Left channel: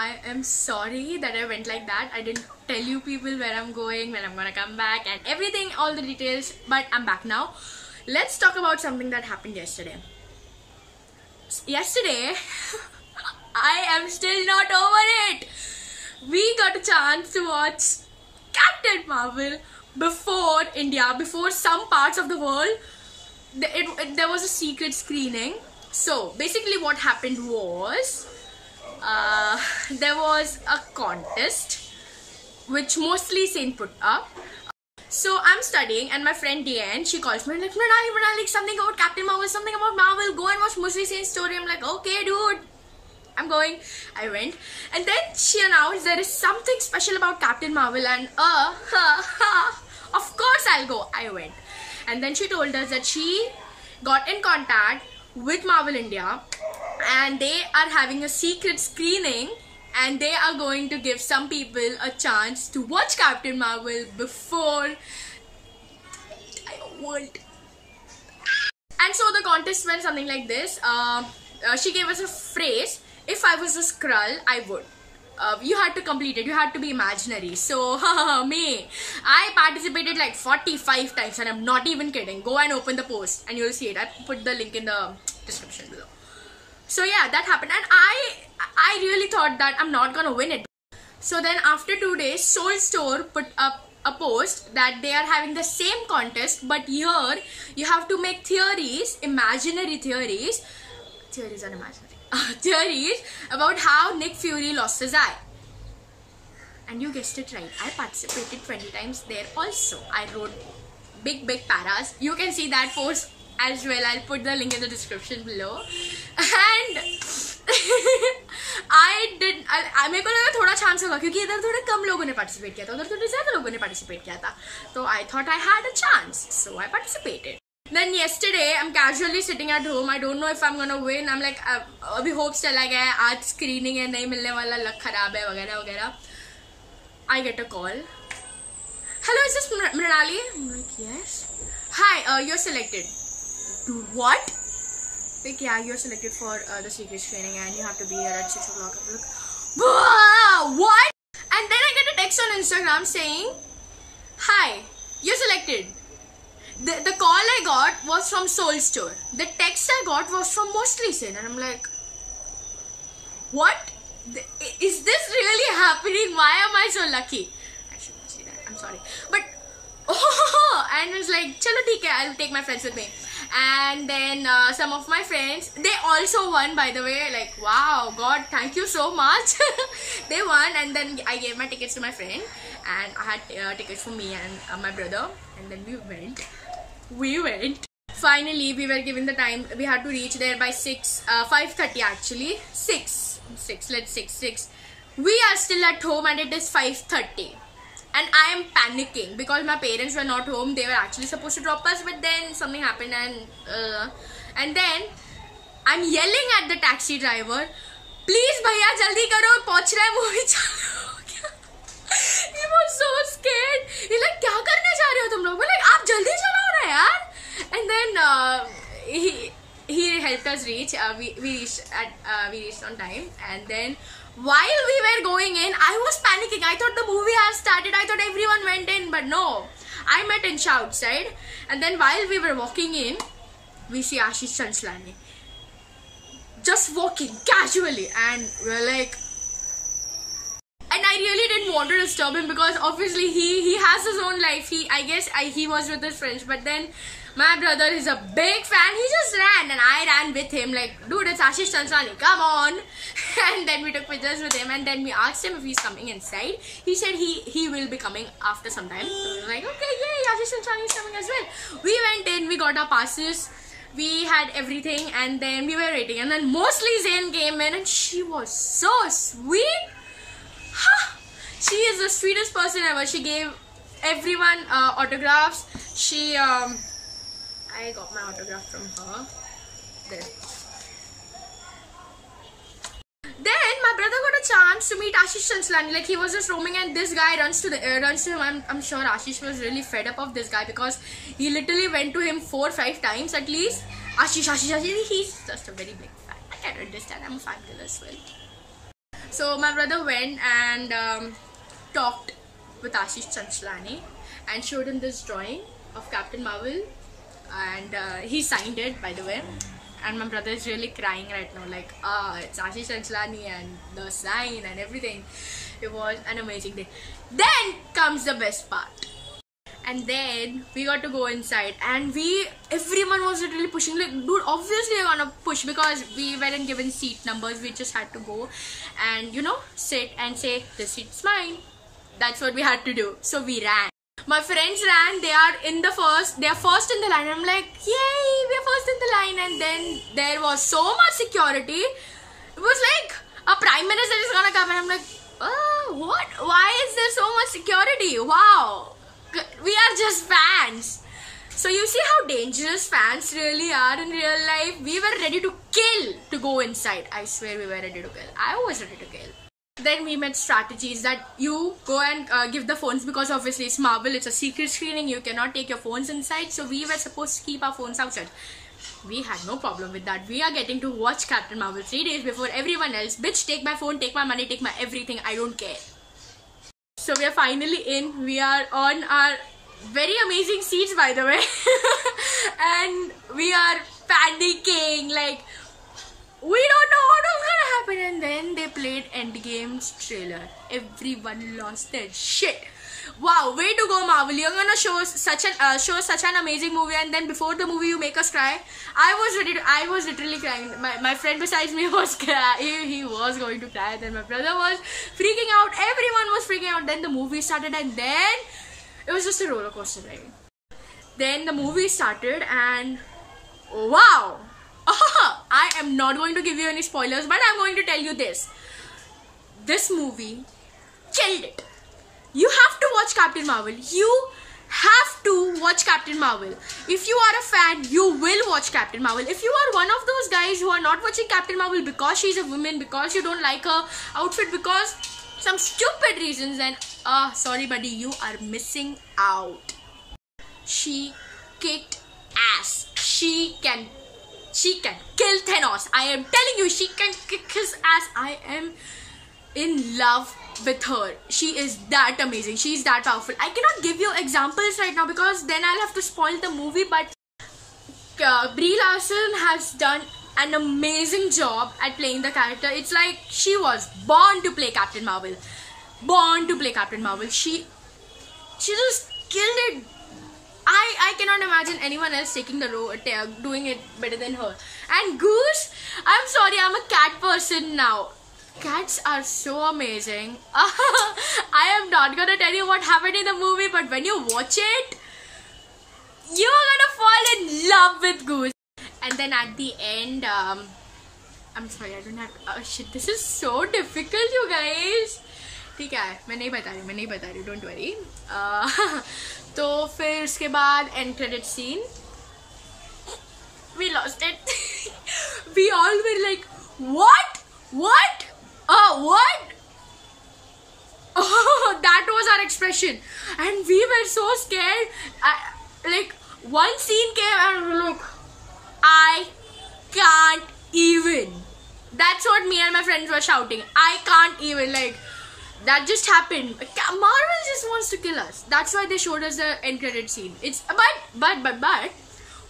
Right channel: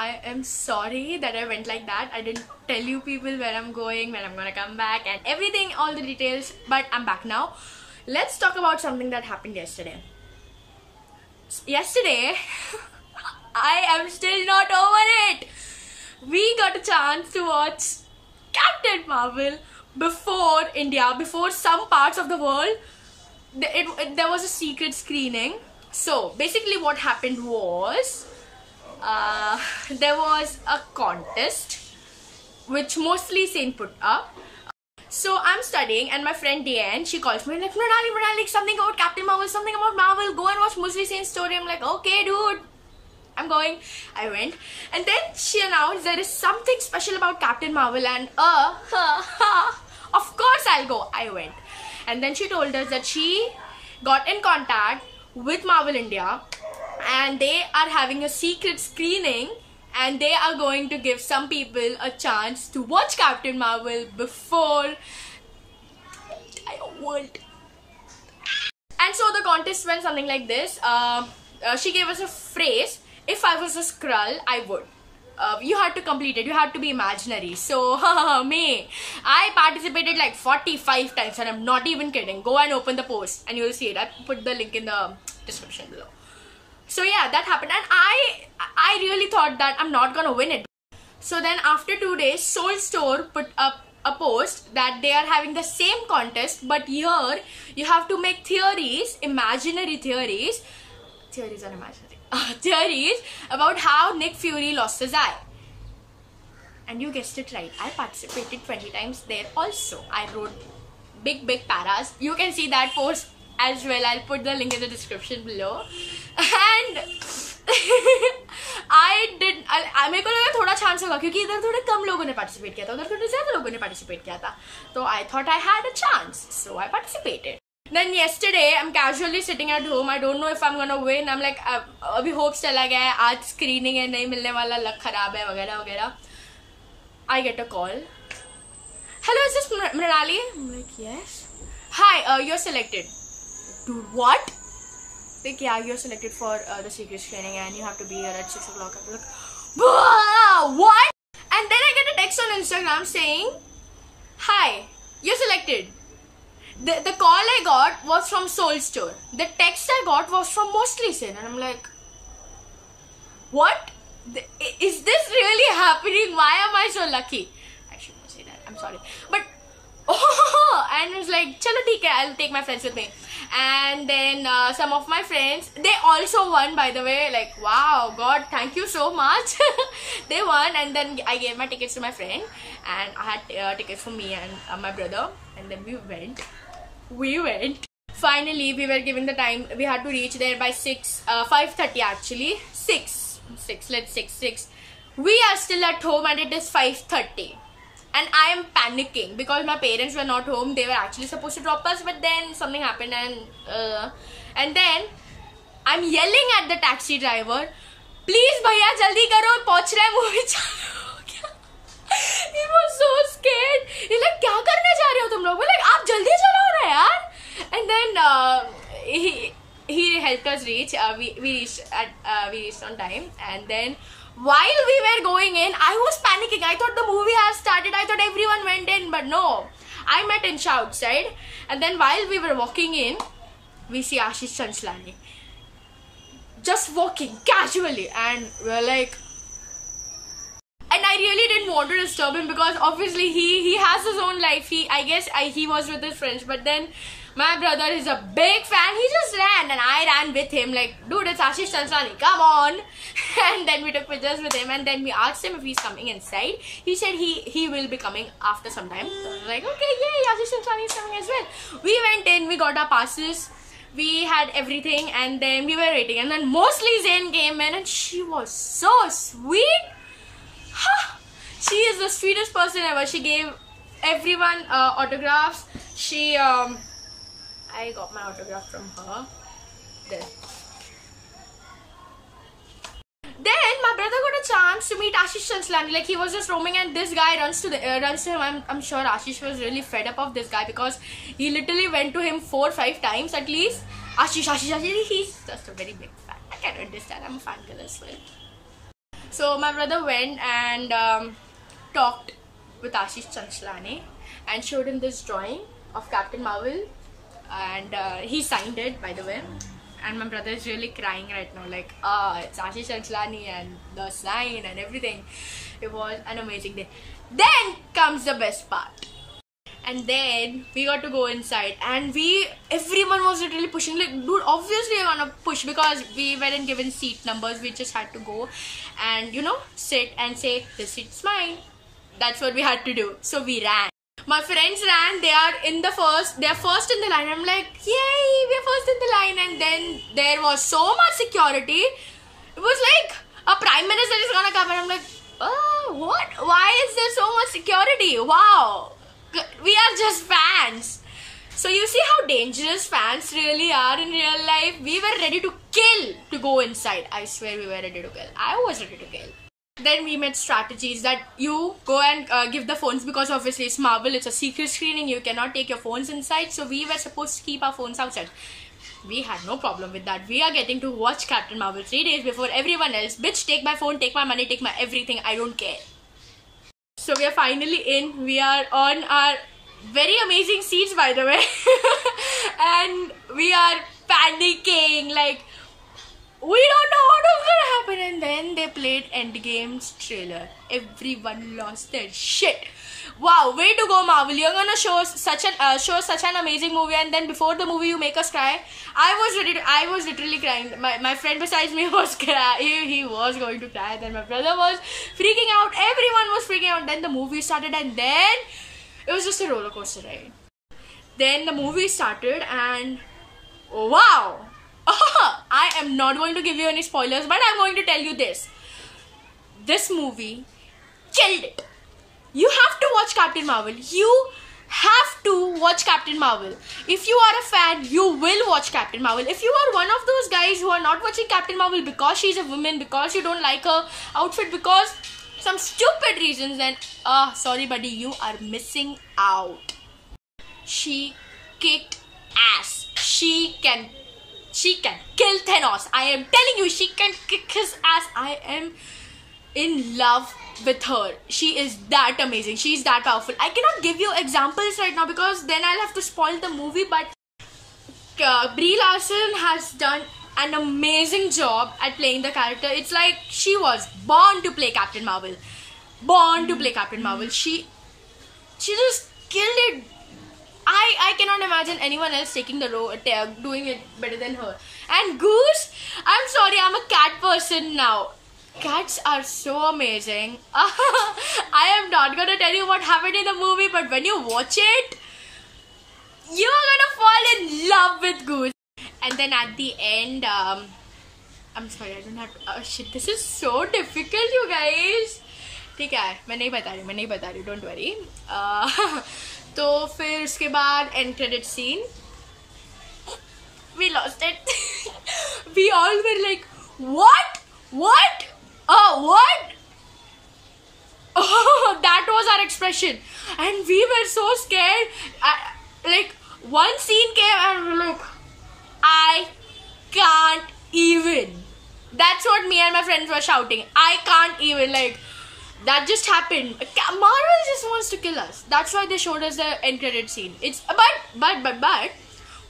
I am sorry that I went like that. I didn't tell you people where I'm going, when I'm gonna come back and everything, all the details, but I'm back now. Let's talk about something that happened yesterday. Yesterday, I am still not over it. We got a chance to watch Captain Marvel before India, before some parts of the world. There was a secret screening. So basically what happened was there was a contest which mostly Saint put up. So I'm studying and my friend Diane, she calls me like, Mrinali, something about Captain Marvel, something about Marvel, go and watch Mostly Saint's story. I'm like, okay dude, I'm going. I went, and then she announced there is something special about Captain Marvel, and of course I'll go. I went, and then she told us that she got in contact with Marvel India and they are having a secret screening and they are going to give some people a chance to watch Captain Marvel before the entire world. And so the contest went something like this. She gave us a phrase. If I was a Skrull, I would. You had to complete it. You had to be imaginary. So, I participated like 45 times and I'm not even kidding. Go and open the post and you'll see it. I put the link in the description below. So yeah, that happened and I really thought that I'm not gonna win it. So then after 2 days, Soul Store put up a post that they are having the same contest, but here you have to make theories, imaginary theories. Theories are imaginary. Theories about how Nick Fury lost his eye. And you guessed it right, I participated 20 times there also. I wrote big paras. You can see that post as well. I'll put the link in the description below. And मेरे को लगा थोड़ा chance होगा क्योंकि इधर थोड़े कम लोगों ने पार्टिसिपेट किया था, उधर थोड़े ज्यादा लोगों ने पार्टिसिपेट किया था. So I thought I had a chance, so I participated. Then yesterday, I'm casually sitting at home. I don't know if I'm gonna win. I'm like, अभी hopes चला गया है, आज screening है, नहीं मिलने वाला, luck खराब है, वगैरह वगैरह. I get a call. Hello, is this Mrinali? I'm like, yes. Hi, you're selected. Dude, what? Like, yeah, you're selected for the secret screening and you have to be here at 6 o'clock. I'm like, what? And then I get a text on Instagram saying, hi, you're selected. The call I got was from Soul Store. The text I got was from Mostly Saint. And I'm like, what? Is this really happening? Why am I so lucky? I shouldn't say that. I'm sorry. But, and it was like, chalo theek hai, I'll take my friends with me. And then some of my friends, they also won, by the way. Like, wow, God, thank you so much. They won, and then I gave my tickets to my friend. And I had tickets for me and my brother. And then we went. Finally, we were given the time. We had to reach there by 5:30 actually. 6. We are still at home and it is 5:30. And I am panicking because my parents were not home. They were actually supposed to drop us, but then something happened and then I'm yelling at the taxi driver, please bhaiya jaldi karo, pahunch raha hai, movie chalu ho gaya. He was so scared. He's like, kya karne ja rahe ho tum log? We're like, aap jaldi chalao na yaar. And then he helped us reach. We reached on time. And then while we were going in, I was panicking. I thought the movie has started. I thought everyone went in, but no. I met Insha outside. And then while we were walking in, we see Ashish Chanslani just walking casually, and we're like, and I really didn't want to disturb him because obviously he has his own life. I guess he was with his friends, but then my brother is a big fan. He just ran and I ran with him like, dude, it's Ashish Chanslani, come on. And then we took pictures with him and then we asked him if he's coming inside. He said he will be coming after some time. So I was like, okay, yay, Ashish Chanslani is coming as well. We went in, we got our passes, we had everything, and then we were waiting. And then Mostly Saint came in and she was so sweet. She is the sweetest person ever. She gave everyone autographs. I got my autograph from her. There. Then my brother got a chance to meet Ashish Chanslani. Like, he was just roaming and this guy runs to him. I'm sure Ashish was really fed up of this guy because he literally went to him 4 or 5 times at least. Ashish. He's just a very big fan. I can understand. I'm a fangirl as well. So my brother went and talked with Ashish Chanchlani and showed him this drawing of Captain Marvel, and he signed it, by the way. And my brother is really crying right now, like, it's Ashish Chanchlani and the sign and everything. It was an amazing day. Then comes the best part. And then we got to go inside, and everyone was literally pushing, like, dude, obviously you're gonna push because we weren't given seat numbers. We just had to go and, you know, sit and say, this seat's mine. That's what we had to do. So we ran. My friends ran. They are first in the line. I'm like, yay, we're first in the line. And then there was so much security. It was like a prime minister is gonna come, and I'm like, oh, what? Why is there so much security? Wow, we are just fans. So you see how dangerous fans really are in real life. We were ready to kill to go inside. I swear we were ready to kill. I was ready to kill. Then we made strategies that you go and give the phones, because obviously it's Marvel, it's a secret screening, you cannot take your phones inside. So we were supposed to keep our phones outside. We had no problem with that. We are getting to watch Captain Marvel 3 days before everyone else. Bitch, take my phone, take my money, take my everything. I don't care. So we are finally in. We are on our very amazing seats, by the way. And we are panicking, like, we don't know what was gonna happen. And then they played Endgame's trailer. Everyone lost their shit. Wow, way to go, Marvel. You're gonna show such an amazing movie, and then before the movie you make us cry. I was literally crying. My friend besides me was crying. He was going to cry. Then my brother was freaking out. Everyone was freaking out. Then the movie started, and then it was just a roller coaster ride. Then the movie started, and wow. I am not going to give you any spoilers, but I'm going to tell you this. This movie killed it. You have to watch Captain Marvel. You have to watch Captain Marvel. If you are a fan, you will watch Captain Marvel. If you are one of those guys who are not watching Captain Marvel because she's a woman, because you don't like her outfit, because some stupid reasons, then sorry buddy, you are missing out. She kicked ass. She can kill Thanos. I am telling you, she can kick his ass. I am in love with her. She is that amazing. She is that powerful. I cannot give you examples right now because then I'll have to spoil the movie, but Brie Larson has done an amazing job at playing the character. It's like she was born to play Captain Marvel. Born to play Captain Marvel. She just killed it. I cannot imagine anyone else taking the role, doing it better than her. And Goose, I'm sorry, I'm a cat person now. Cats are so amazing. I am not gonna tell you what happened in the movie, but when you watch it, you are gonna fall in love with Goose. And then at the end, I'm sorry, I don't have to, oh shit, this is so difficult, you guys. ठीक है, मैं नहीं बता रही, don't worry. तो फिर उसके बाद end credit scene. We lost it. We all were like, what? Oh, what? Oh, that was our expression. And we were so scared. Like, one scene came and we were like, I can't even. That's what me and my friends were shouting. I can't even, like, that just happened. Marvel just wants to kill us. That's why they showed us the end credit scene. It's but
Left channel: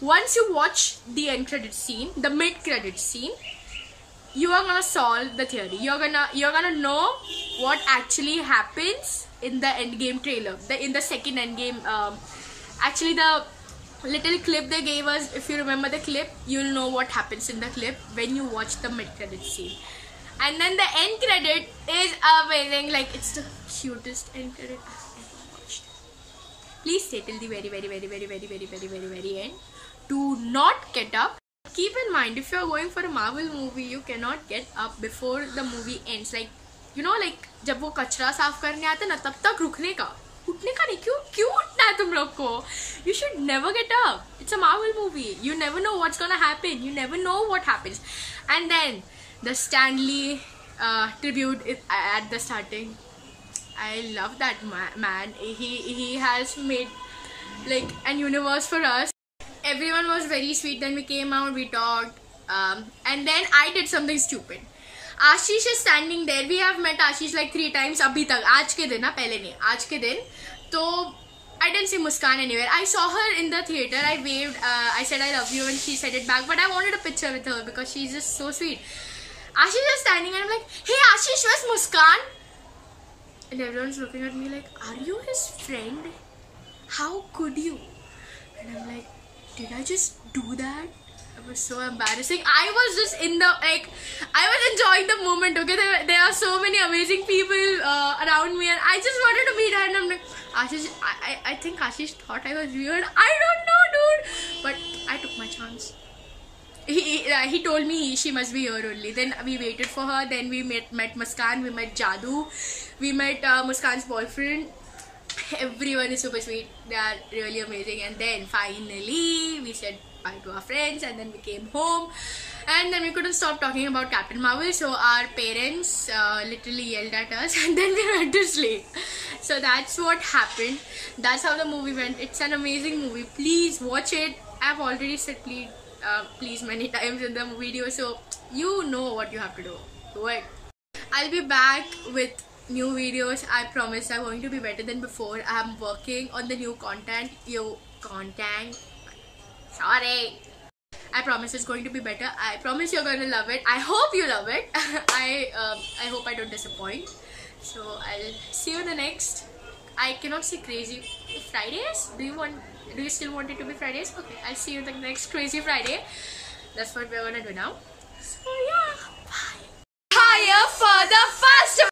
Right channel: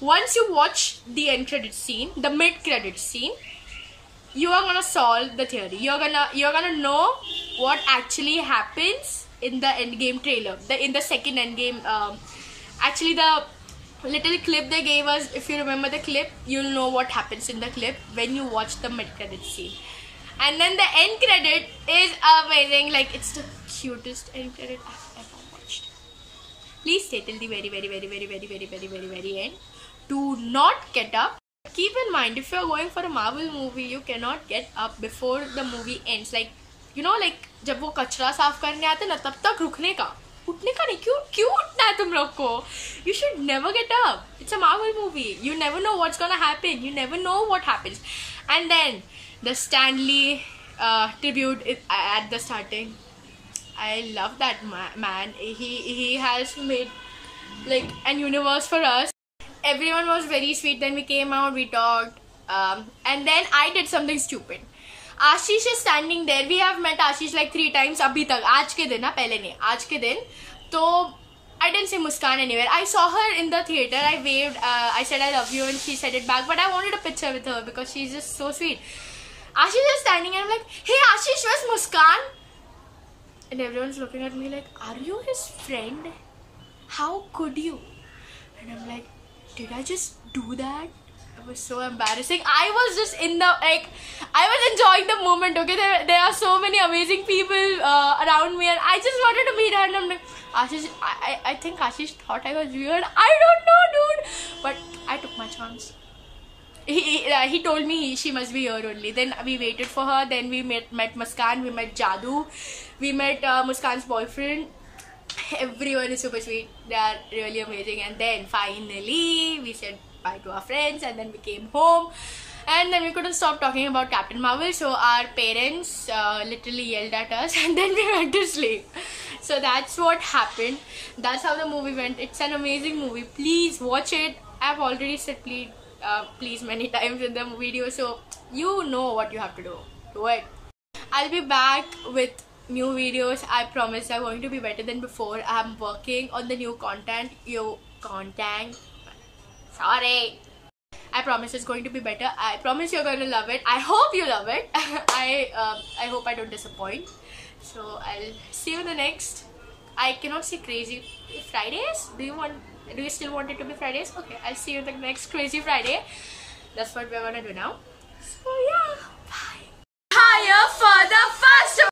once you watch the end credit scene, the mid credit scene, you are gonna solve the theory. You're gonna know what actually happens in the Endgame trailer. In the second Endgame, actually the little clip they gave us. If you remember the clip, you'll know what happens in the clip when you watch the mid credit scene. And then the end credit is amazing. Like, it's the cutest end credit I've ever watched. Please stay till the very end. Do not get up. Keep in mind, if you're going for a Marvel movie, you cannot get up before the movie ends. Like, you know, like जब वो कचरा साफ करने आते ना, तब तक रुकने का, उठने का नहीं. क्यों उठना है तुम लोग को? You should never get up. It's a Marvel movie. You never know what's gonna happen. You never know what happens. And then the Stan Lee tribute is at the starting. I love that man. He has made like an universe for us. Everyone was very sweet. Then we came out, we talked, and then I did something stupid. Ashish is standing there. We have met Ashish like 3 times abhi tak. आज के दिन ना, पहले नहीं, आज के दिन. तो I didn't see Muskan anywhere. I saw her in the theater. I waved. I said I love you, and she said it back. But I wanted a picture with her because she's just so sweet. Ashish is standing, and I'm like, "Hey, Ashish, where's Muskan?" And everyone's looking at me like, "Are you his friend? How could you?" And I'm like, "Did I just do that?" It was so embarrassing. I was just in the, like, I was enjoying the moment, okay? There are so many amazing people around me, and I just wanted to meet her, and I'm like, Ashish, I think Ashish thought I was weird. I don't know, dude. But I took my chance. He told me she must be here only. Then we waited for her. Then we met Muskan. We met Jadoo. We met Muskan's boyfriend. Everyone is super sweet. They are really amazing. And then finally we said bye to our friends, and then we came home, and then we couldn't stop talking about Captain Marvel. So our parents literally yelled at us, and then we went to sleep. So that's what happened. That's how the movie went. It's an amazing movie. Please watch it. I've already said please many times in the video, so you know what you have to do. Do it. I'll be back with new videos. I promise they're going to be better than before. I'm working on the new content. Sorry. I promise it's going to be better. I promise you're going to love it. I hope you love it. I hope I don't disappoint. So I'll see you in the next. I cannot say crazy Fridays. Do you still want it to be Fridays? Okay, I'll see you the next Crazy Friday. That's what we're gonna do now. So yeah, bye. Higher for the fun.